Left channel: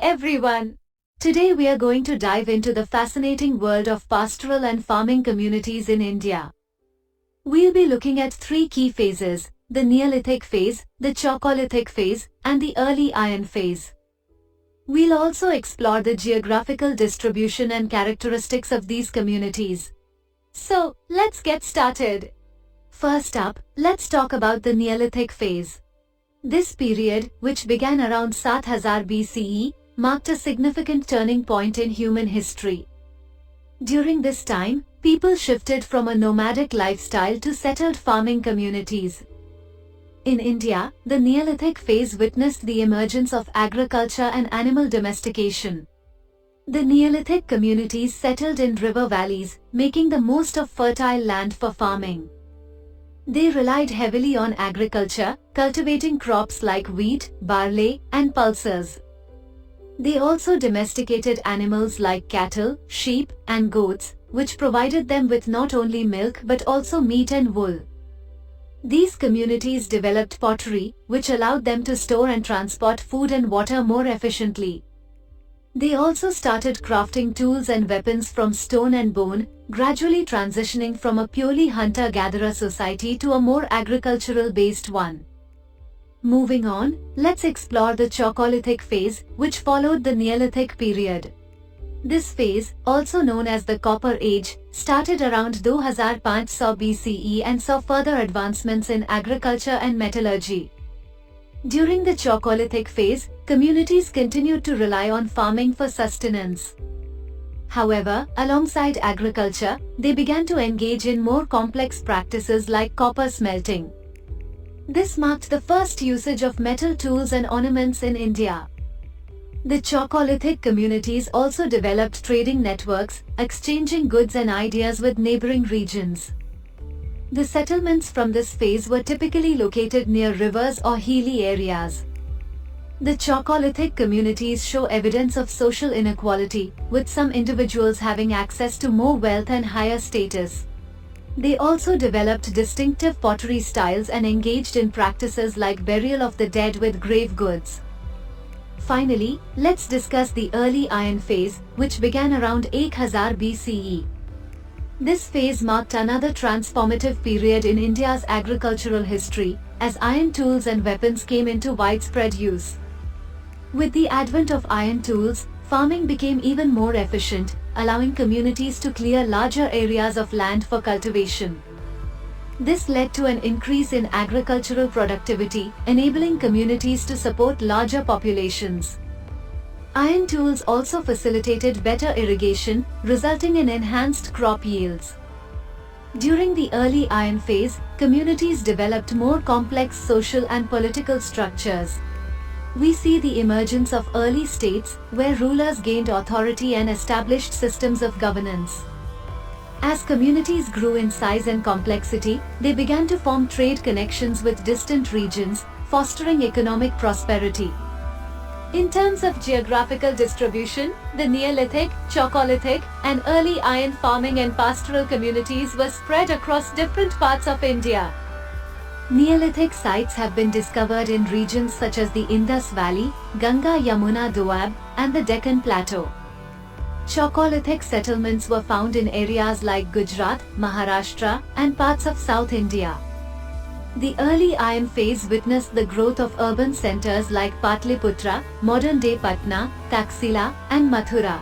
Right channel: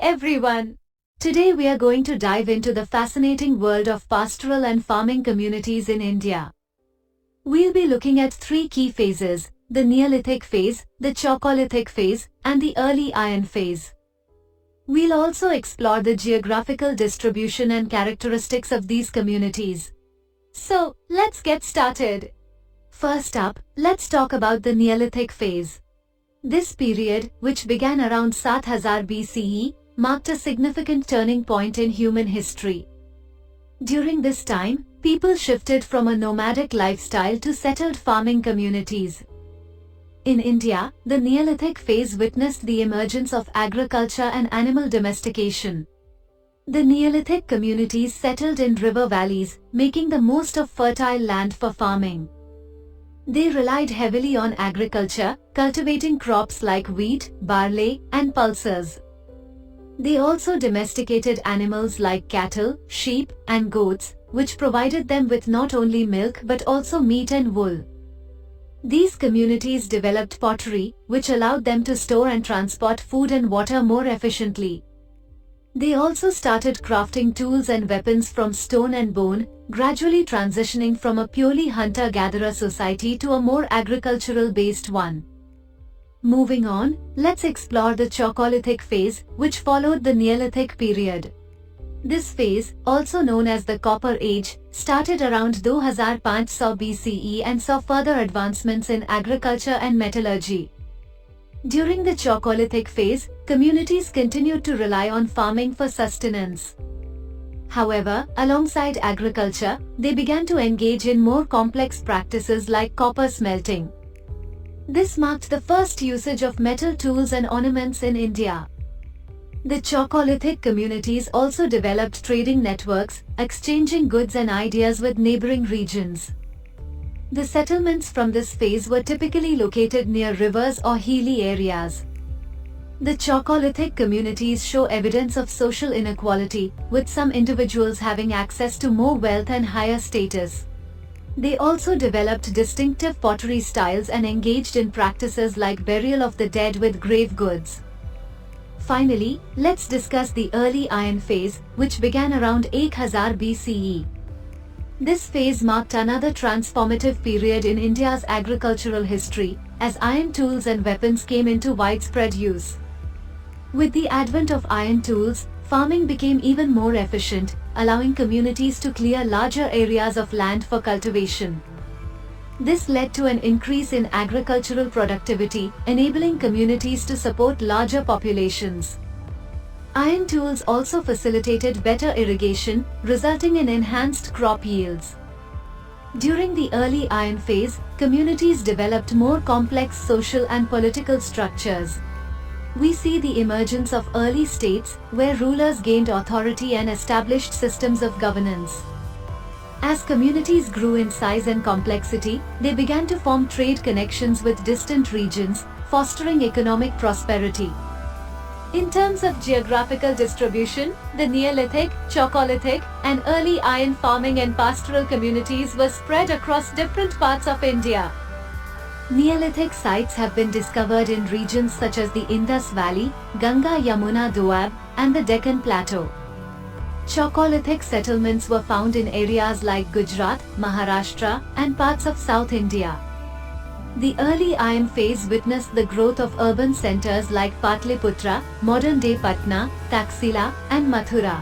everyone! Today we are going to dive into the fascinating world of pastoral and farming communities in India. We'll be looking at three key phases: the Neolithic phase, the Chalcolithic phase, and the early Iron phase. We'll also explore the geographical distribution and characteristics of these communities. So, let's get started. First up, let's talk about the Neolithic phase. This period, which began around 7000 BCE, marked a significant turning point in human history. During this time, people shifted from a nomadic lifestyle to settled farming communities. In India, the Neolithic phase witnessed the emergence of agriculture and animal domestication. The Neolithic communities settled in river valleys, making the most of fertile land for farming. They relied heavily on agriculture, cultivating crops like wheat, barley, and pulses. They also domesticated animals like cattle, sheep, and goats, which provided them with not only milk but also meat and wool. These communities developed pottery, which allowed them to store and transport food and water more efficiently. They also started crafting tools and weapons from stone and bone, gradually transitioning from a purely hunter-gatherer society to a more agricultural-based one. Moving on, let's explore the Chalcolithic phase, which followed the Neolithic period. This phase, also known as the Copper Age, started around 2500 BCE and saw further advancements in agriculture and metallurgy. During the Chalcolithic phase, communities continued to rely on farming for sustenance. However, alongside agriculture, they began to engage in more complex practices like copper smelting. This marked the first usage of metal tools and ornaments in India. The Chalcolithic communities also developed trading networks, exchanging goods and ideas with neighboring regions. The settlements from this phase were typically located near rivers or hilly areas. The Chalcolithic communities show evidence of social inequality, with some individuals having access to more wealth and higher status. They also developed distinctive pottery styles and engaged in practices like burial of the dead with grave goods. Finally, let's discuss the early Iron phase, which began around 8000 BCE. This phase marked another transformative period in India's agricultural history, as iron tools and weapons came into widespread use. With the advent of iron tools, farming became even more efficient, allowing communities to clear larger areas of land for cultivation. This led to an increase in agricultural productivity, enabling communities to support larger populations. Iron tools also facilitated better irrigation, resulting in enhanced crop yields. During the early Iron phase, communities developed more complex social and political structures. We see the emergence of early states, where rulers gained authority and established systems of governance. As communities grew in size and complexity, they began to form trade connections with distant regions, fostering economic prosperity. In terms of geographical distribution, the Neolithic, Chalcolithic, and early iron farming and pastoral communities were spread across different parts of India. Neolithic sites have been discovered in regions such as the Indus Valley, Ganga-Yamuna Doab, and the Deccan Plateau. Chalcolithic settlements were found in areas like Gujarat, Maharashtra, and parts of South India. The early Iron phase witnessed the growth of urban centers like Patliputra, modern-day Patna, Taxila, and Mathura.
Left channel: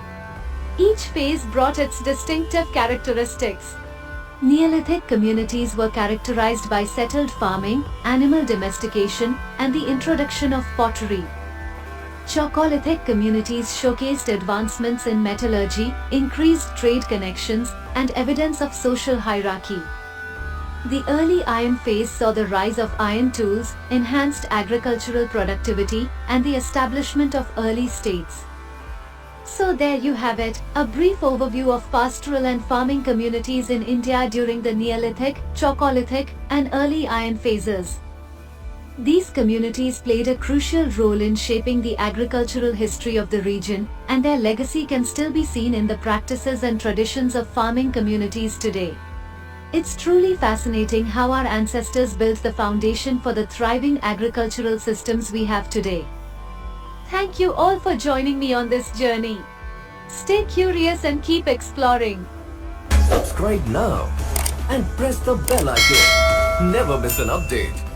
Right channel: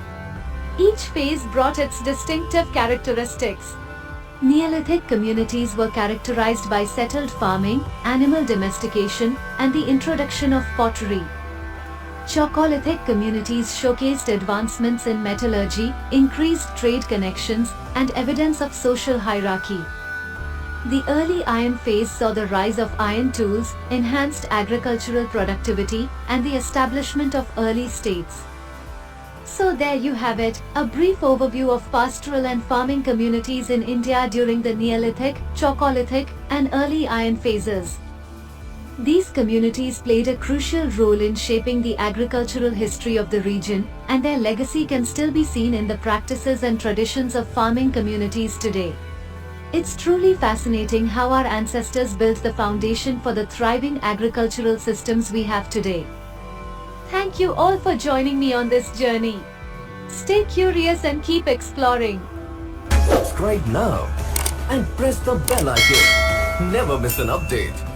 Each phase brought its distinctive characteristics. Neolithic communities were characterized by settled farming, animal domestication, and the introduction of pottery. Chalcolithic communities showcased advancements in metallurgy, increased trade connections, and evidence of social hierarchy. The early Iron phase saw the rise of iron tools, enhanced agricultural productivity, and the establishment of early states. So there you have it, a brief overview of pastoral and farming communities in India during the Neolithic, Chalcolithic, and early Iron phases. These communities played a crucial role in shaping the agricultural history of the region, and their legacy can still be seen in the practices and traditions of farming communities today. It's truly fascinating how our ancestors built the foundation for the thriving agricultural systems we have today. Thank you all for joining me on this journey. Stay curious and keep exploring. Subscribe now and press the bell icon. Never miss an update.